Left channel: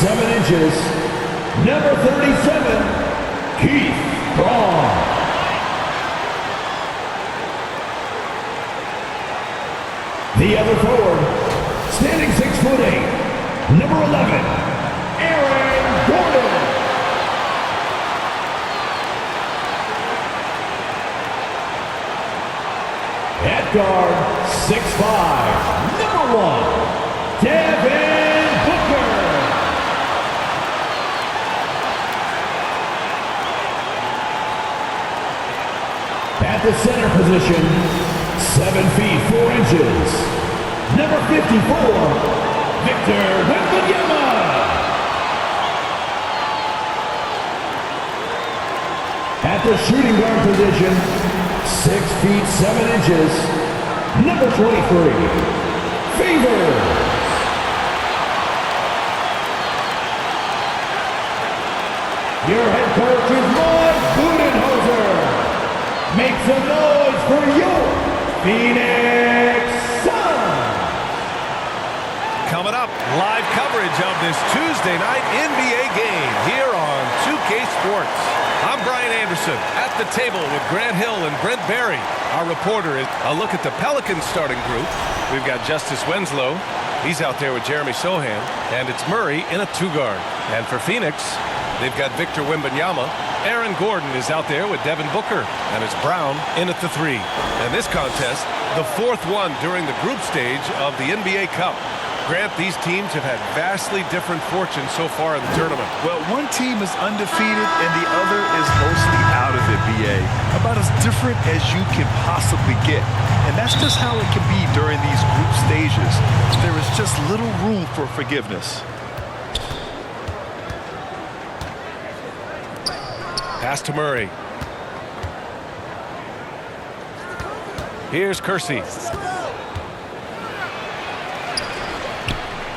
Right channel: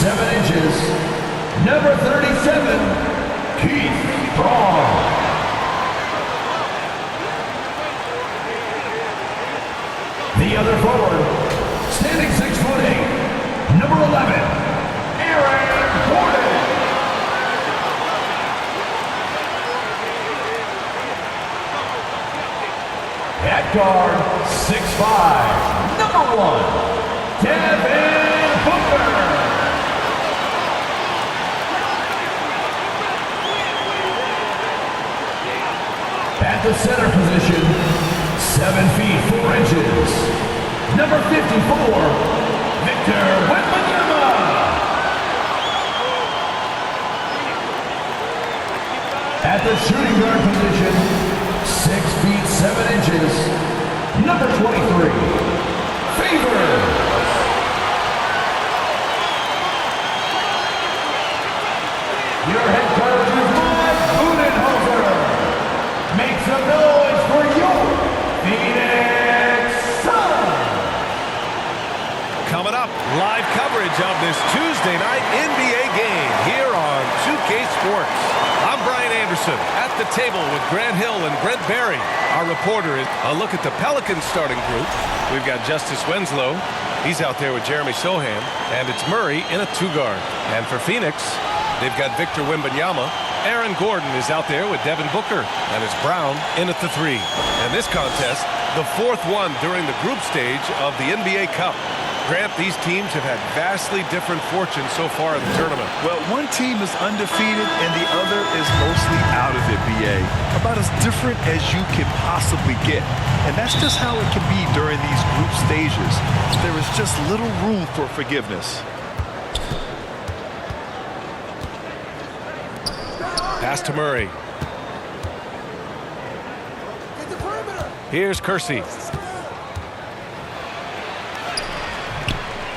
7 inches, number 37, Keith Braun. The other forward, standing 6'8", number 11, Aaron Gordon. At guard, 6'5", number 1, Devin Booker. At the center position, 7 feet 4 inches, number 54, Victor Wembanyama. At the shooting guard position, 6 feet 7 inches, number 23, Favors. Your head coach is Mike Budenholzer. Make some noise for your Phoenix Suns. Coming up, live coverage of this Tuesday night NBA game here on 2K Sports. I'm Brian Anderson at the table with Grant Hill and Brent Barry. Our reporter is a look at the Pelicans starting group. We've got Justice Winslow. He's out there with Jeremy Sohan. And it's Murray in a 2-guard. And for Phoenix, they've got Victor Wembanyama. Aaron Gordon is out there with Devin Booker, and it's Brown in at the 3. And this contest, the 4th one during the group stage of the NBA Cup. Grant, these teams have had vastly different fortunes so far in the tournament. Well, one team is undefeated and the other is mostly out of it, BA. About as different as you can possibly get. And that's just how it can be during these group stages. There is just little room for forgiveness. Pass to Murray. Here's Kersey.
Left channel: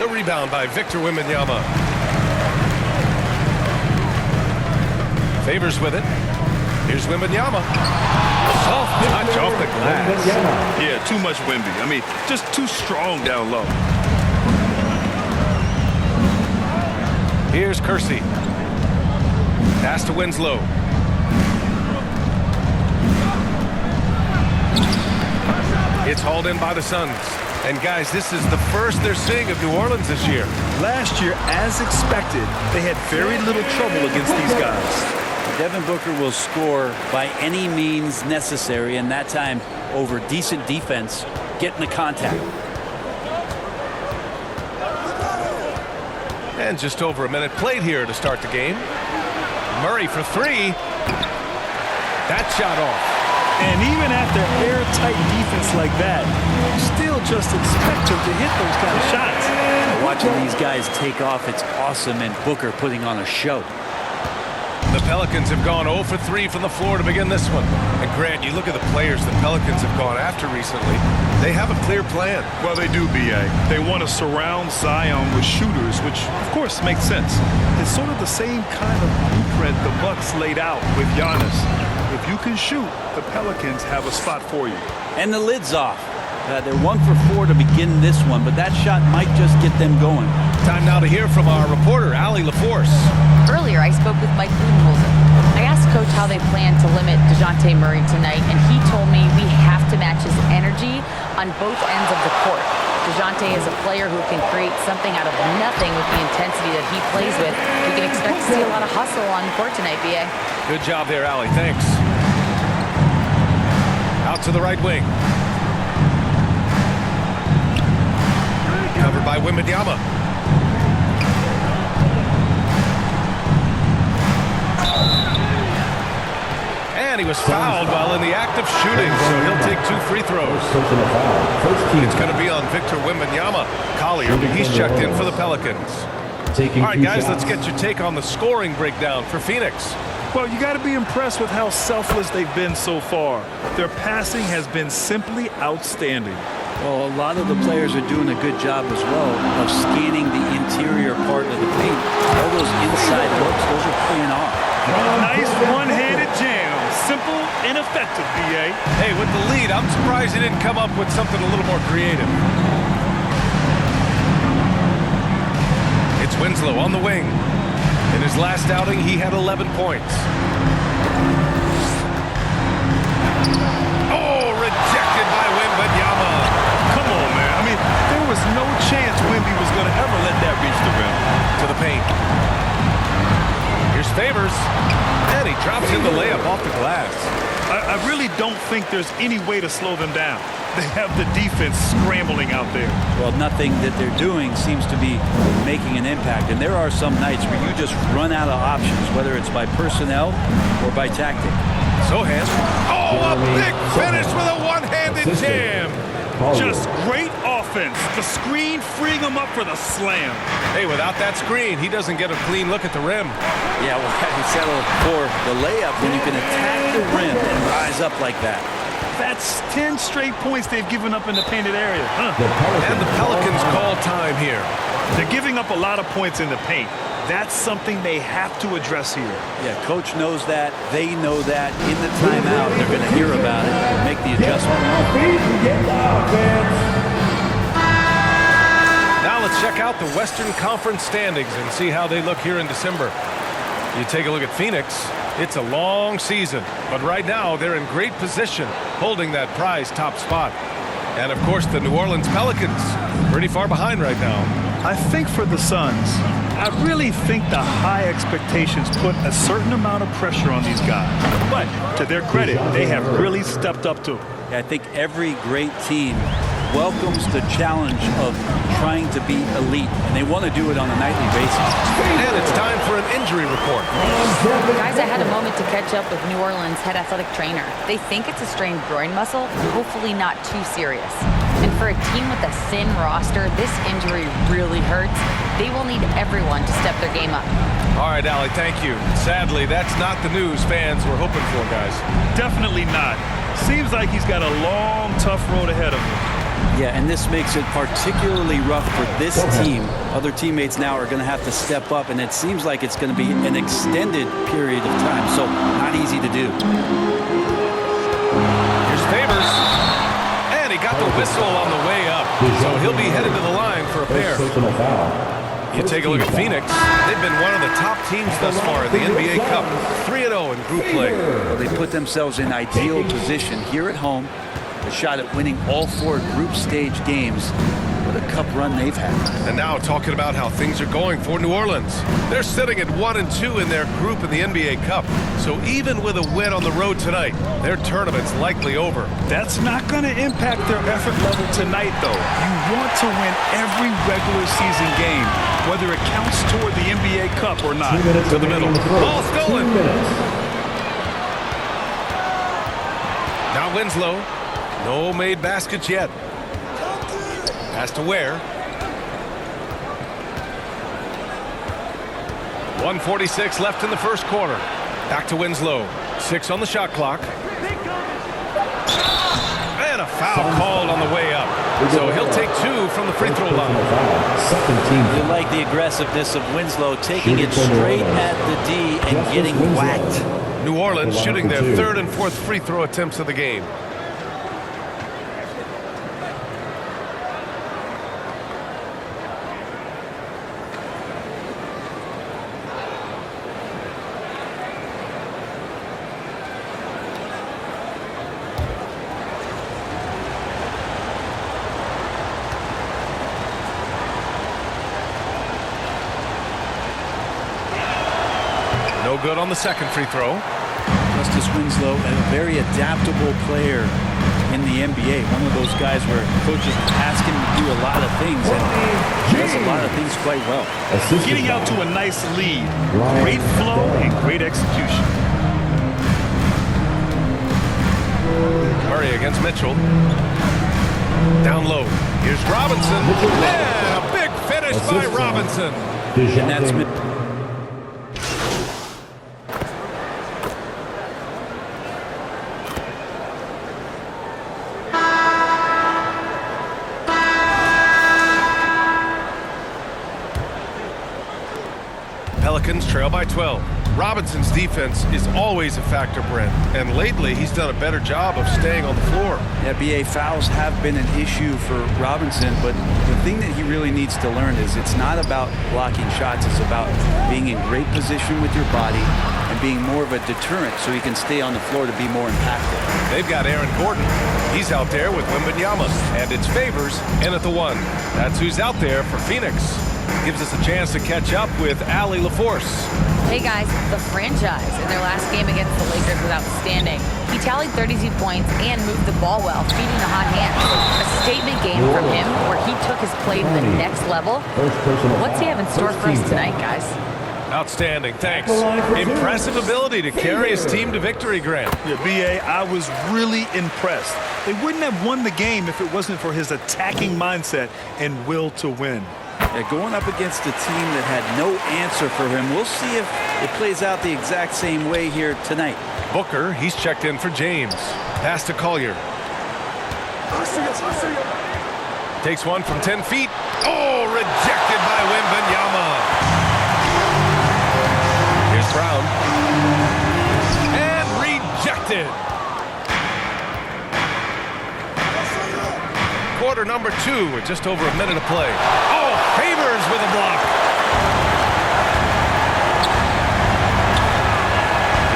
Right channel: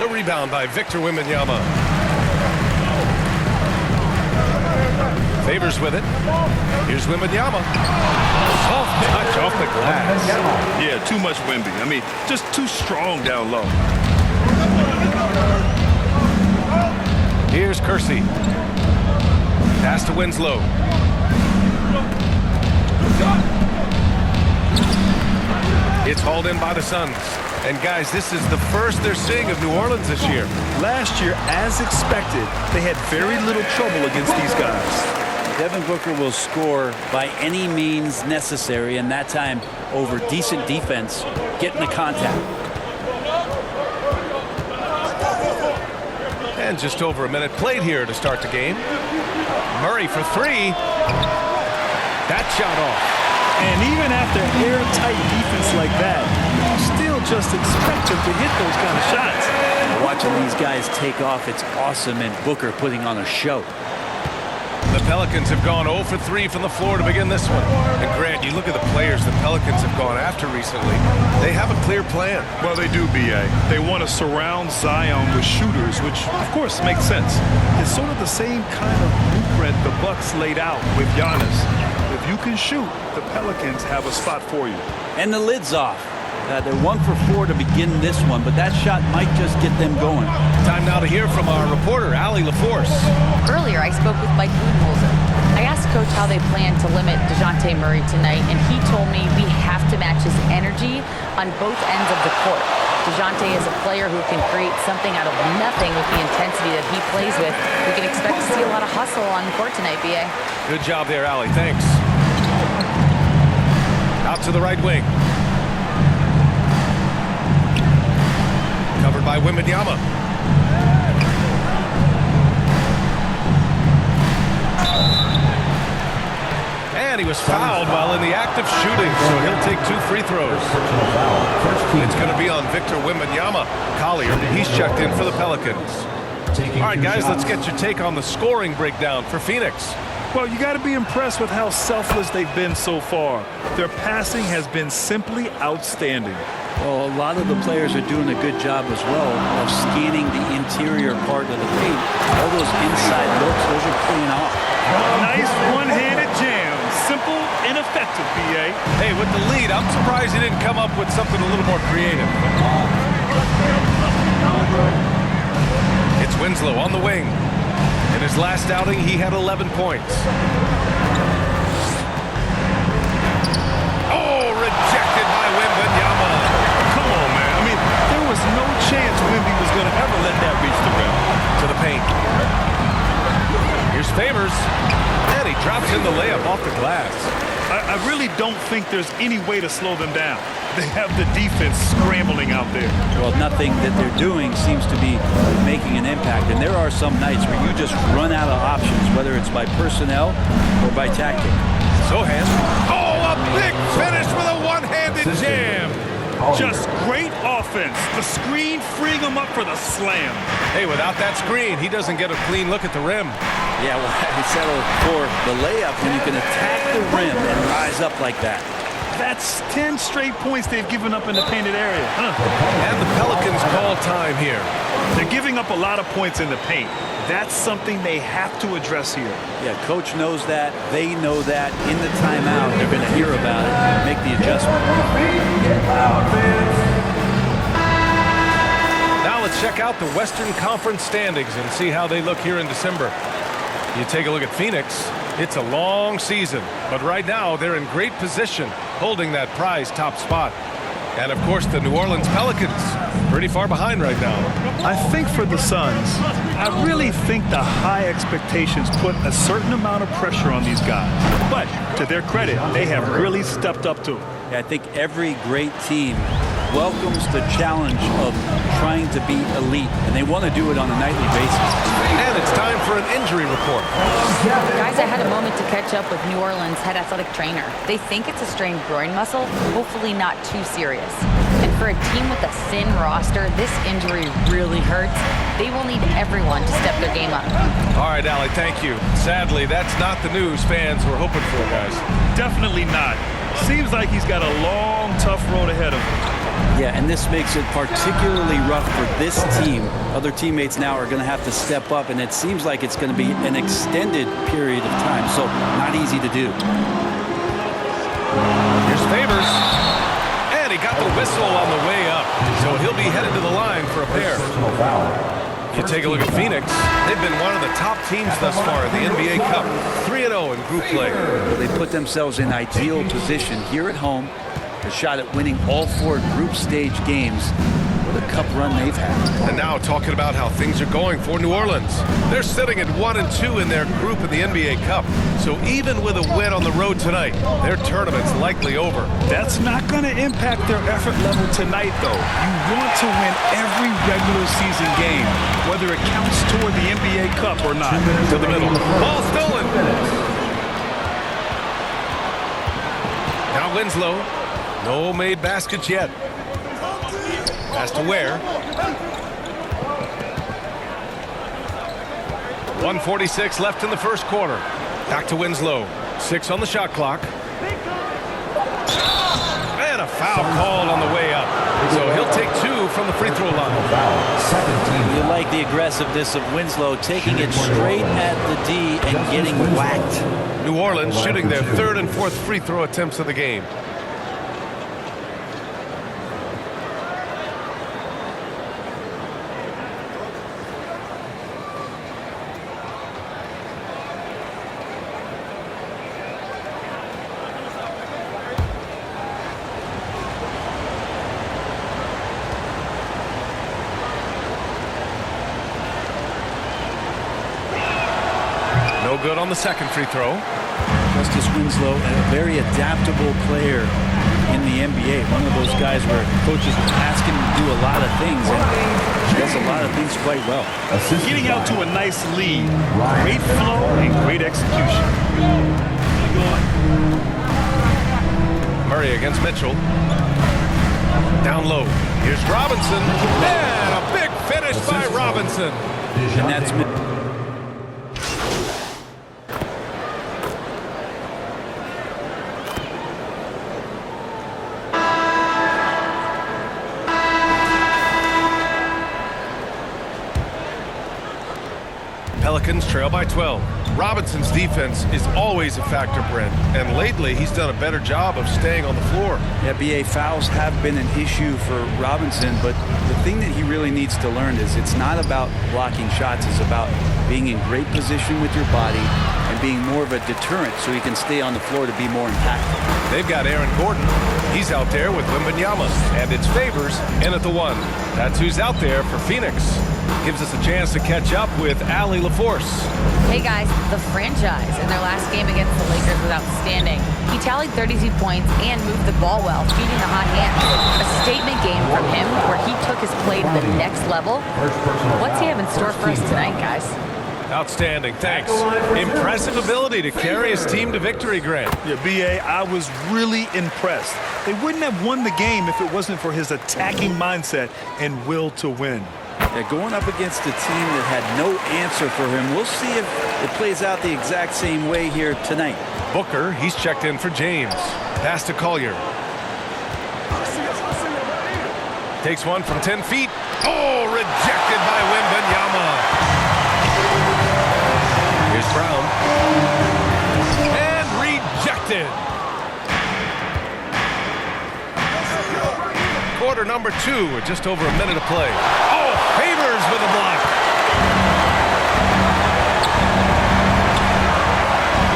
The rebound by Victor Wembanyama. Favors with it. Here's Wembanyama. Soft touch off the glass. Yeah, too much Wemby. I mean, just too strong down low. Here's Kersey. Pass to Winslow. It's hauled in by the Suns. And guys, this is the first they're seeing of New Orleans this year. Last year, as expected, they had very little trouble against these guys. Devin Booker will score by any means necessary, and that time over decent defense, getting the contact. And just over a minute played here to start the game. Murray for 3. That shot off. And even after airtight defense like that, you still just expect him to hit those kind of shots. Watching these guys take off, it's awesome, and Booker putting on a show. The Pelicans have gone 0 for 3 from the floor to begin this one. And Grant, you look at the players the Pelicans have gone after recently. They have a clear plan. Well, they do, B.A. They want to surround Zion with shooters, which, of course, makes sense. It's sort of the same kind of blueprint the Bucks laid out with Giannis. If you can shoot, the Pelicans have a spot for you. And the lid's off. They're 1 for 4 to begin this one, but that shot might just get them going. Time now to hear from our reporter, Allie LaForce. Earlier, I spoke with Mike Budenholzer. I asked Coach how they plan to limit DeJounte Murray tonight, and he told me we have to match his energy on both ends of the court. DeJounte is a player who can create something out of nothing with the intensity that he plays with. We can expect to see a lot of hustle on the court tonight, B.A. Good job there, Allie. Thanks. Out to the right wing. Covered by Wembanyama. And he was fouled while in the act of shooting, so he'll take 2 free throws. It's going to be on Victor Wembanyama. Collier, he's checked in for the Pelicans. All right, guys, let's get your take on the scoring breakdown for Phoenix. Well, you got to be impressed with how selfless they've been so far. Their passing has been simply outstanding. Well, a lot of the players are doing a good job as well of scanning the interior part of the paint. All those inside looks, those are paying off. Nice one-handed jam. Simple and effective, B.A. Hey, with the lead, I'm surprised he didn't come up with something a little more creative. It's Winslow on the wing. In his last outing, he had 11 points. Oh, rejected by Wembanyama. Come on, man. I mean, there was no chance Wemby was going to ever let that reach the rim. To the paint. Here's Favors. And he drops in the layup off the glass. I really don't think there's any way to slow them down. They have the defense scrambling out there. Well, nothing that they're doing seems to be making an impact. And there are some nights where you just run out of options, whether it's by personnel or by tactic. Sohan. Oh, a big finish with a one-handed jam. Just great offense. The screen freeing him up for the slam. Hey, without that screen, he doesn't get a clean look at the rim. Yeah, well, he settled for the layup when you can attack the rim and rise up like that. That's 10 straight points they've given up in the painted area. And the Pelicans call time here. They're giving up a lot of points in the paint. That's something they have to address here. Yeah, coach knows that. They know that. In the timeout, they're going to hear about it and make the adjustment. Get loud, fans. Now let's check out the Western Conference standings and see how they look here in December. You take a look at Phoenix. It's a long season, but right now they're in great position, holding that prize top spot. And of course, the New Orleans Pelicans, pretty far behind right now. I think for the Suns, I really think the high expectations put a certain amount of pressure on these guys. But to their credit, they have really stepped up to it. Yeah, I think every great team welcomes the challenge of trying to be elite, and they want to do it on a nightly basis. And it's time for an injury report. Guys, I had a moment to catch up with New Orleans head athletic trainer. They think it's a strained groin muscle, hopefully not too serious. And for a team with a thin roster, this injury really hurts. They will need everyone to step their game up. All right, Allie, thank you. Sadly, that's not the news fans were hoping for, guys. Definitely not. Seems like he's got a long, tough road ahead of him. Yeah, and this makes it particularly rough for this team. Other teammates now are going to have to step up, and it seems like it's going to be an extended period of time, so not easy to do. Here's Favors. And he got the whistle on the way up, so he'll be headed to the line for a pair. Personal foul. You take a look at Phoenix. They've been one of the top teams thus far in the NBA Cup. 3-0 in group play. Well, they put themselves in ideal position here at home. A shot at winning all 4 group stage games. What a cup run they've had. And now talking about how things are going for New Orleans. They're sitting at 1-2 in their group in the NBA Cup. So even with a win on the road tonight, their tournament's likely over. That's not going to impact their effort level tonight, though. You want to win every regular season game, whether it counts toward the NBA Cup or not. To the middle. Ball stolen. Now Winslow. No made baskets yet. Pass to Ware. 1:46 left in the first quarter. Back to Winslow. 6 on the shot clock. And a foul called on the way up. So he'll take 2 from the free throw line. Second team. You like the aggressiveness of Winslow, taking it straight at the D and getting whacked. New Orleans shooting their 3rd and 4th free throw attempts of the game. No good on the second free throw. Justice Winslow, a very adaptable player in the NBA. One of those guys where coaches ask him to do a lot of things, and he does a lot of things quite well. Getting out to a nice lead. Great flow and great execution. Murray against Mitchell. Down low. Here's Robinson. And a big finish by Robinson. And that's Pelicans trail by 12. Robinson's defense is always a factor, Brent, and lately he's done a better job of staying on the floor. Yeah, BA, fouls have been an issue for Robinson, but the thing that he really needs to learn is it's not about blocking shots. It's about being in great position with your body and being more of a deterrent so he can stay on the floor to be more impactful. They've got Aaron Gordon. He's out there with Wembanyama, and it's Favors in at the 1. That's who's out there for Phoenix. Gives us a chance to catch up with Allie LaForce. Hey guys, the franchise in their last game against the Lakers was outstanding. He tallied 32 points and moved the ball well, feeding the hot hands. A statement game from him where he took his play to the next level. What's he have in store for us tonight, guys? Outstanding, thanks. Impressive ability to carry his team to victory, Grant. Yeah, BA, I was really impressed. They wouldn't have won the game if it wasn't for his attacking mindset and will to win. Yeah, going up against a team that had no answer for him. We'll see if it plays out the exact same way here tonight. Booker, he's checked in for James. Pass to Collier. Takes one from 10 feet. Oh, rejected by Wembanyama. Here's Brown. And rejected. Quarter number 2 with just over a minute of play. Oh, Favors with a block.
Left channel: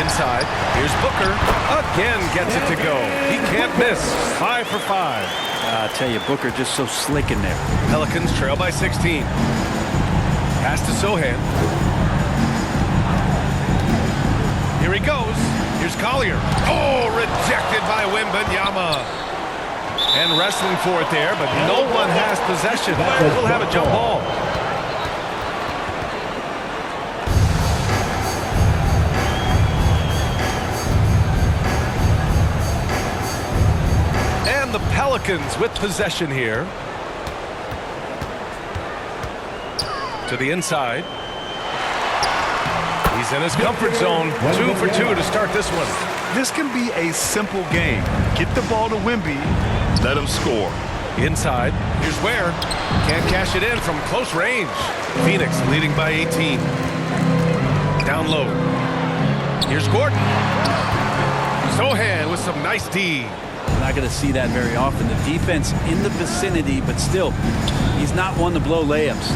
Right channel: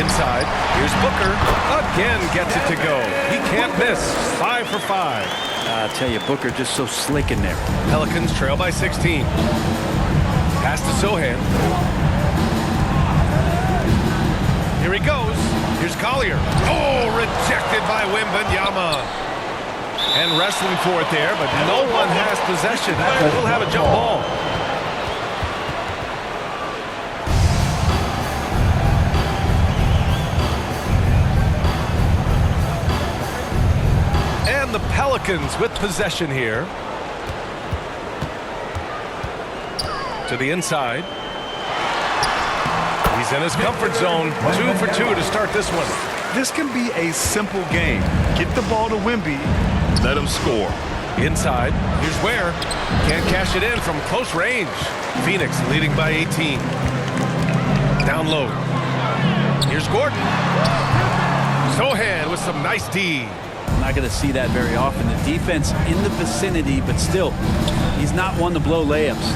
Inside, here's Booker. Again gets it to go. He can't miss. 5 for 5. I tell you, Booker just so slick in there. Pelicans trail by 16. Pass to Sohan. Here he goes. Here's Collier. Oh, rejected by Wembanyama. And wrestling for it there, but no one has possession. We'll have a jump ball. And the Pelicans with possession here. To the inside. He's in his comfort zone. 2 for 2 to start this one. This can be a simple game. Get the ball to Wemby. Let him score. Inside, here's Ware. Can't cash it in from close range. Phoenix leading by 18. Down low. Here's Gordon. Sohan with some nice D. I'm not going to see that very often. The defense in the vicinity, but still, he's not one to blow layups.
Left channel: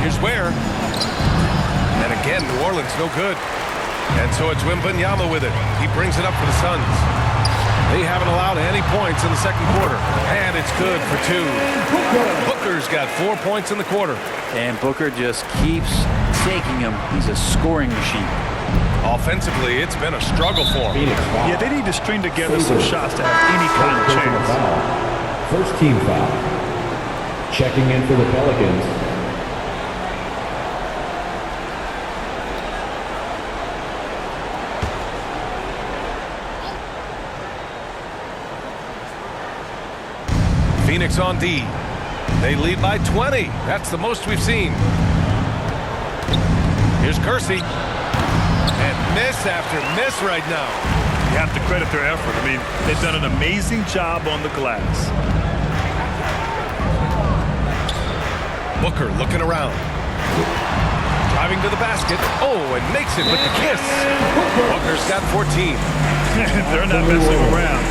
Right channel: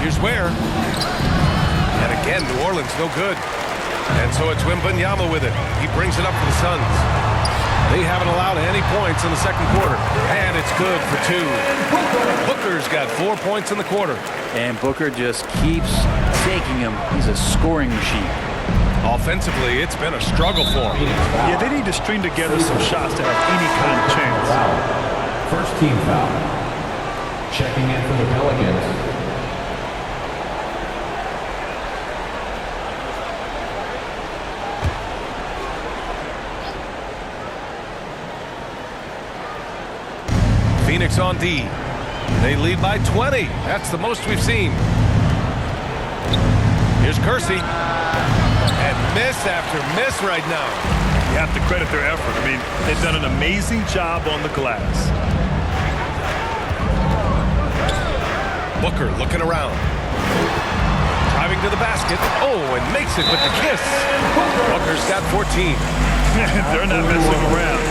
Here's Ware. And again, New Orleans no good. And so it's Wembanyama with it. He brings it up for the Suns. They haven't allowed any points in the second quarter. And it's good for 2. Booker's got 4 points in the quarter. And Booker just keeps taking him. He's a scoring machine. Offensively, it's been a struggle for him. Yeah, they need to string together some shots to have any kind of chance. First team foul. Checking in for the Pelicans. Phoenix on D. They lead by 20. That's the most we've seen. Here's Kersey. And miss after miss right now. You have to credit their effort. I mean, they've done an amazing job on the glass. Booker looking around. Driving to the basket. Oh, and makes it with the kiss. Booker's got 14. They're not messing around.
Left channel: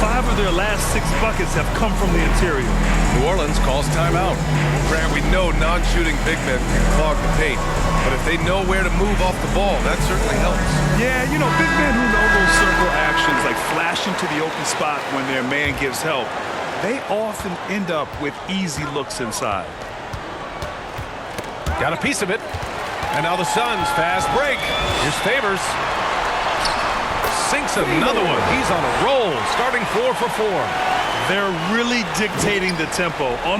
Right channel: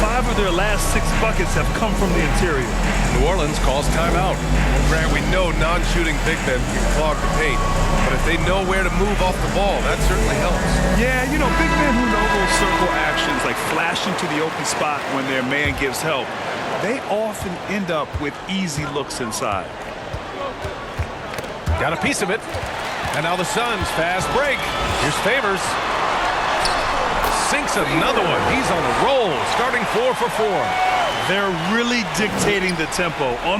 5 of their last 6 buckets have come from the interior. New Orleans calls timeout. Well, Grant, we know non-shooting big men can clog the paint. But if they know where to move off the ball, that certainly helps. Yeah, you know, big men who know those circle actions, like flashing to the open spot when their man gives help, they often end up with easy looks inside. Got a piece of it. And now the Suns fast break. Here's Favors. Sinks another one. He's on a roll, starting 4 for 4. They're really dictating the tempo on